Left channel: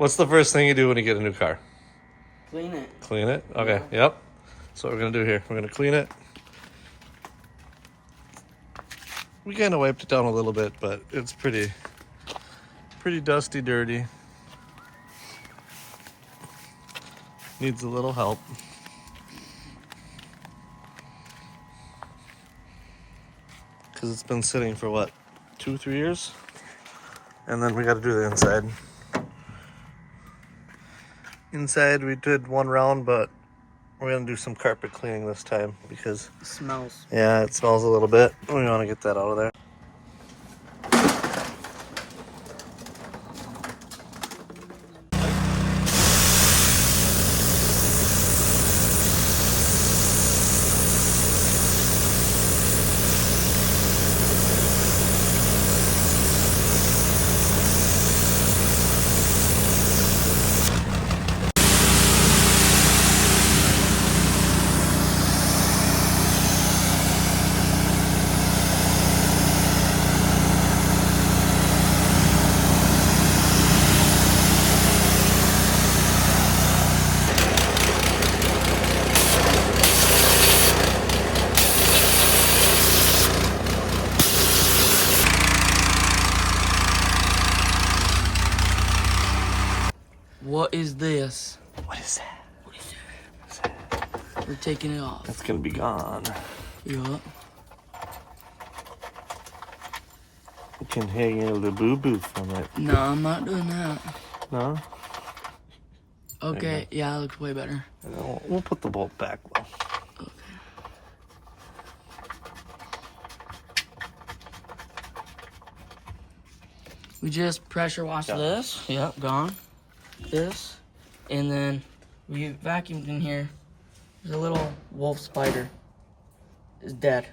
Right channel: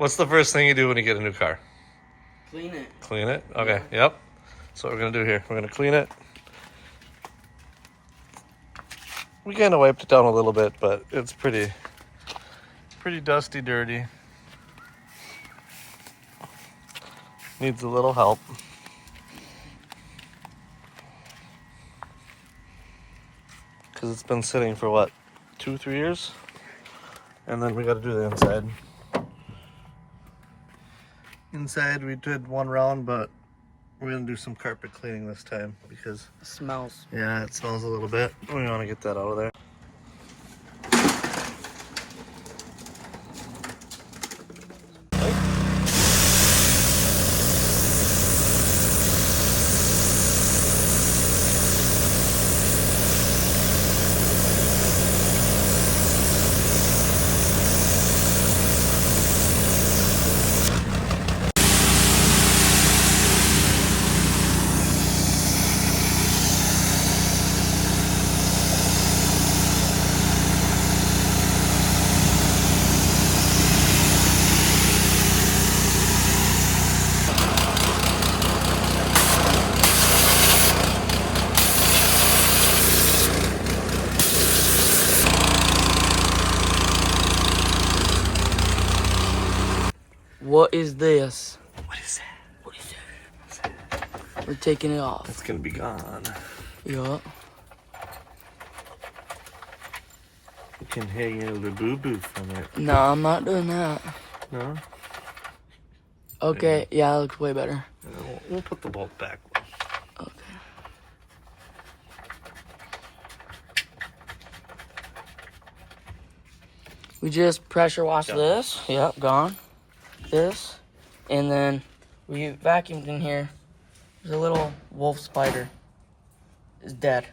What's the first thing you do when you get a new car? Clean it. Clean it? Okay, yep. That's what we're gonna do here. We're gonna clean it. We kind of wiped it down a little bit, but it's pretty dusty, dirty. Needs a little help. Because it's been sitting for what, 2-3 years? And then we got to do the inside. Inside we did one round, but we're gonna do some carpet cleaning this time because It smells. yeah, it smells a little bit. We want to get that out of there. What is this? What is that? What is that? We're taking it off. It's gonna be gone. Yeah. You can hang a little boo-boo from it. No, I'm not doing that. No? Okay, yeah, that looks way better. We'll put the bolt back. Okay. We just pressure wash this. Yep, gone. This. And then we vacuumed in here. There's a little wolf spider. It's dead.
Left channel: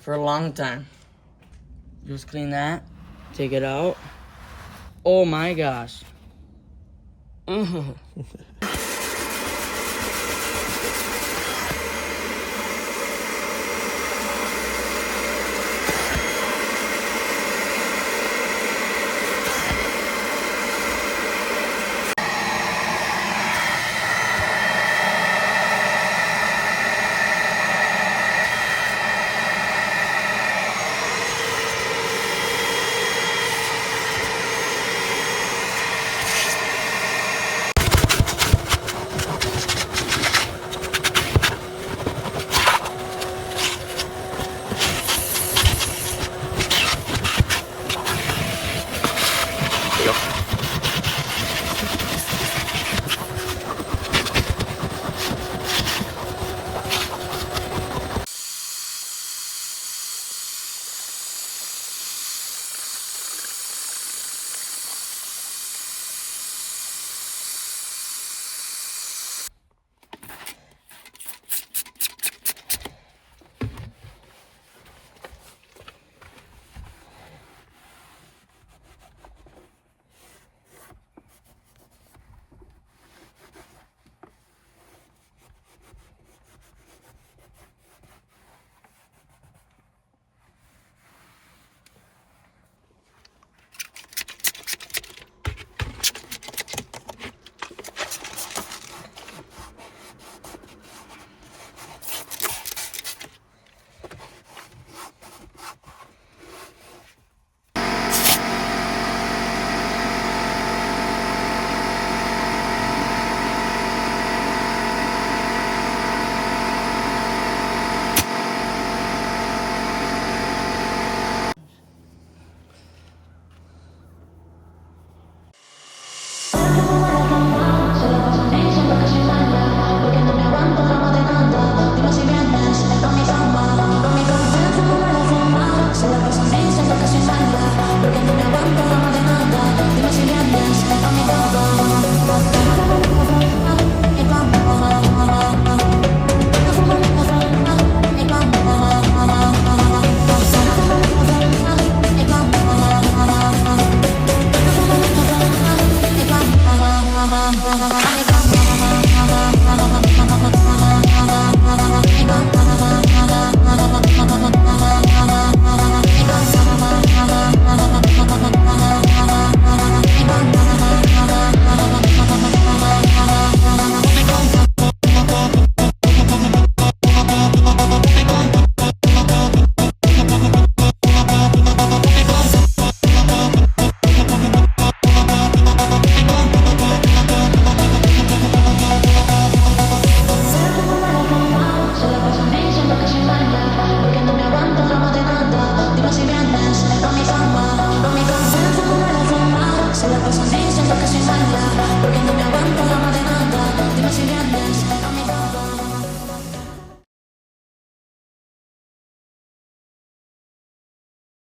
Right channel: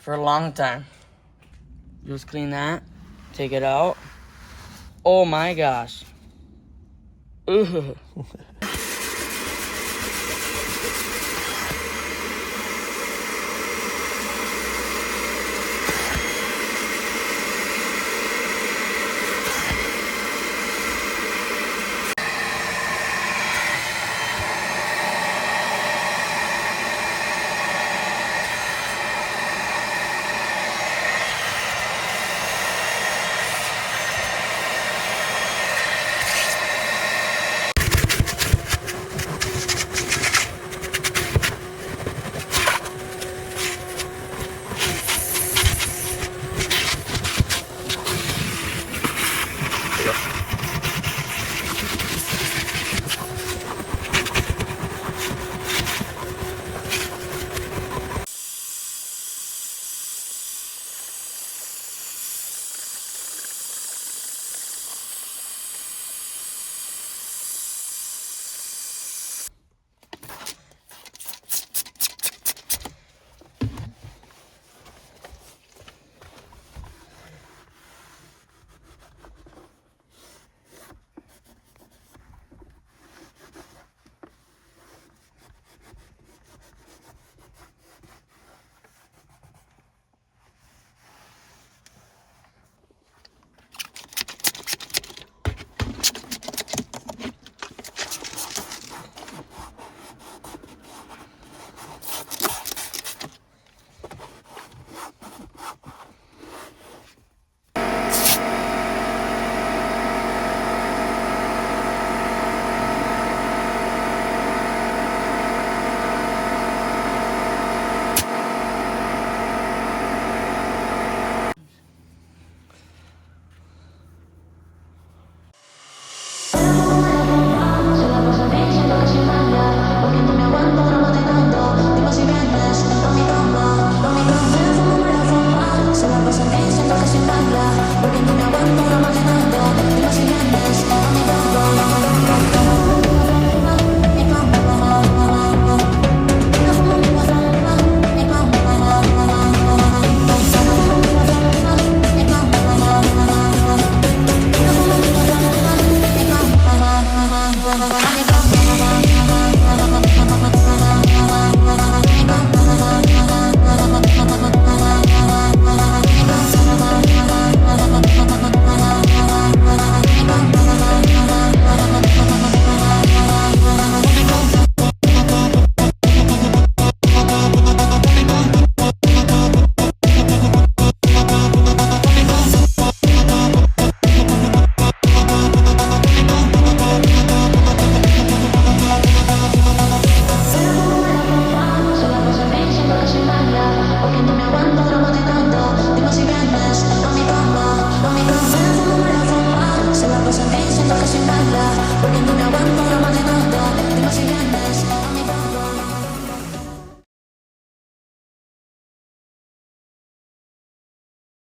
For a long time. Just clean that. Take it out. Oh my gosh. Ugh. diciendo que soy mala, porque no me aguanto drama de nada. Dime si vienes a mi